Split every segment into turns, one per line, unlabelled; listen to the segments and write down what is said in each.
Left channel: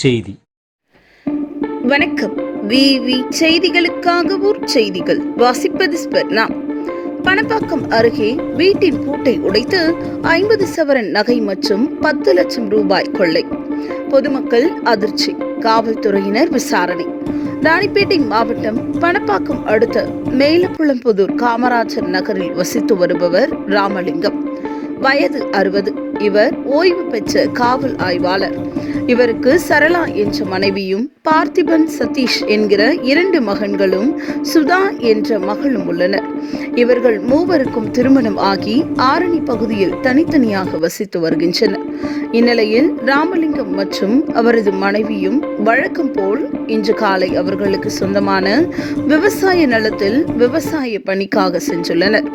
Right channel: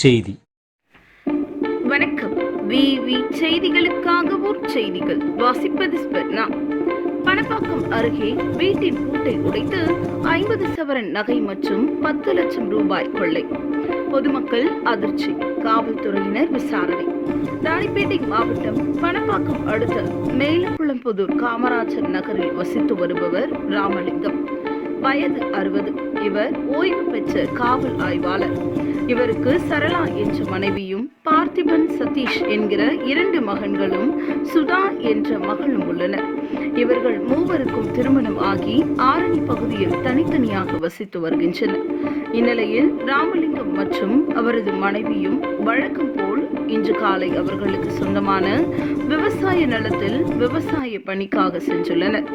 செய்தி.
வணக்கம். விவி செய்திகளுக்காக ஊர் செய்திகள். வாசிப்பது ஸ்பர்ணா பணப்பாக்கம் அருகே வீட்டின் பூட்டை உடைத்து ஐம்பது சவரன் நகை மற்றும் பத்து லட்சம் ரூபாய் கொள்ளை. பொதுமக்கள் அதிர்ச்சி. காவல்துறையினர் விசாரணை. ராணிப்பேட்டை மாவட்டம் பணப்பாக்கம் அடுத்த மேலப்புளம்புதூர் காமராஜர் நகரில் வசித்து வருபவர் ராமலிங்கம். வயது அறுபது. இவர் ஓய்வு பெற்ற காவல் ஆய்வாளர். இவருக்கு சரளா என்ற மனைவியும் பார்த்திபன் சதீஷ் என்கிற இரண்டு மகன்களும் சுதா என்ற மகளும் உள்ளனர். இவர்கள் மூவருக்கும் திருமணம் ஆகி ஆரணி பகுதியில் தனித்தனியாக வசித்து வருகின்றனர். இந்நிலையில் ராமலிங்கம் மற்றும் அவரது மனைவியும் வழக்கம் போல் இன்று காலை அவர்களுக்கு சொந்தமான விவசாய நிலத்தில் விவசாய பணிக்காக சென்றுள்ளனர்.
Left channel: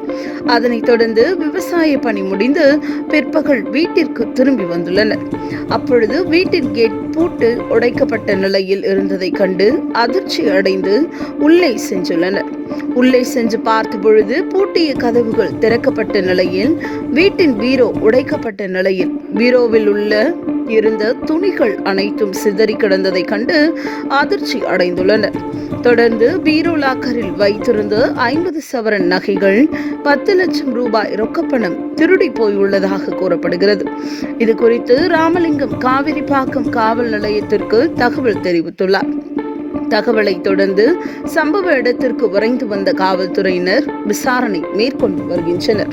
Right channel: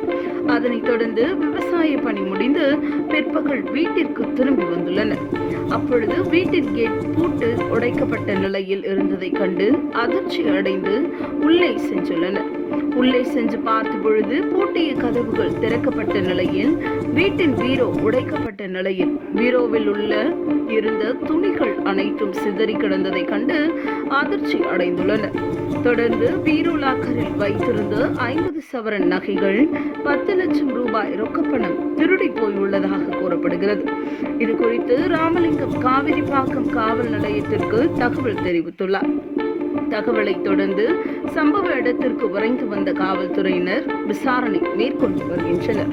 அதனைத் தொடர்ந்து விவசாய பணி முடிந்து பிற்பகல் வீட்டிற்கு திரும்பி வந்துள்ளனர். அப்பொழுது வீட்டின் கேட் பூட்டு உடைக்கப்பட்ட நிலையில் இருந்ததை கண்டு அதிர்ச்சி அடைந்து உள்ளே சென்றுள்ளனர். உள்ளே சென்று பார்த்த பொழுது பூட்டிய கதவுகள் திறக்கப்பட்ட நிலையில் வீட்டின் பீரோ உடைக்கப்பட்ட நிலையில். பீரோவில் உள்ள இருந்த துணிகள் அனைத்தும் சிதறி கிடந்ததை கண்டு அதிர்ச்சி அடைந்துள்ளனர் தொடர்ந்து பீரோ லாக்கரில் வைத்திருந்த ஐம்பது சவரன் நகைகள் பத்து லட்சம் ரூபாய் ரொக்கப்பணம் திருடி போயுள்ளதாக கூறப்படுகிறது. இது குறித்து ராமலிங்கம் காவிரிப்பாக்கம் காவல் நிலையத்திற்கு தகவல் தெரிவித்துள்ளார். தகவலை தொடர்ந்து சம்பவ இடத்திற்கு விரைந்து வந்த காவல்துறையினர் விசாரணை மேற்கொண்டு வருகின்றனர்.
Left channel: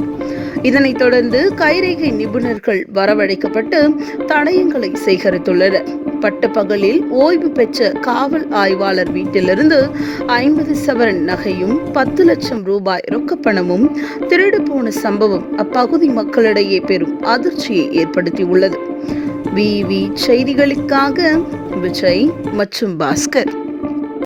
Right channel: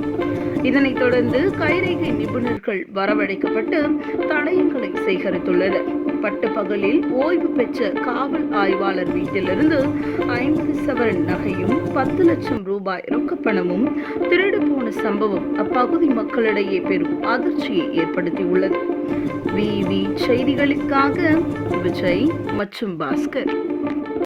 இதனைத் தொடர்ந்து கைரேகை நிபுணர்கள் வரவழைக்கப்பட்டு தடயங்களை சேகரித்துள்ளனர். பட்டப்பகலில் ஓய்வு பெற்ற காவல் ஆய்வாளர் வீட்டிலிருந்து ஐம்பது சவரன் நகையும் பத்து லட்சம் ரூபாய் ரொக்கப்பணமும் திருடு போன சம்பவம் அப்பகுதி மக்களிடையே பெரும் அதிர்ச்சியை ஏற்படுத்தியுள்ளது. விவி செய்திகளுக்காக விஜய் மற்றும் பாஸ்கர்.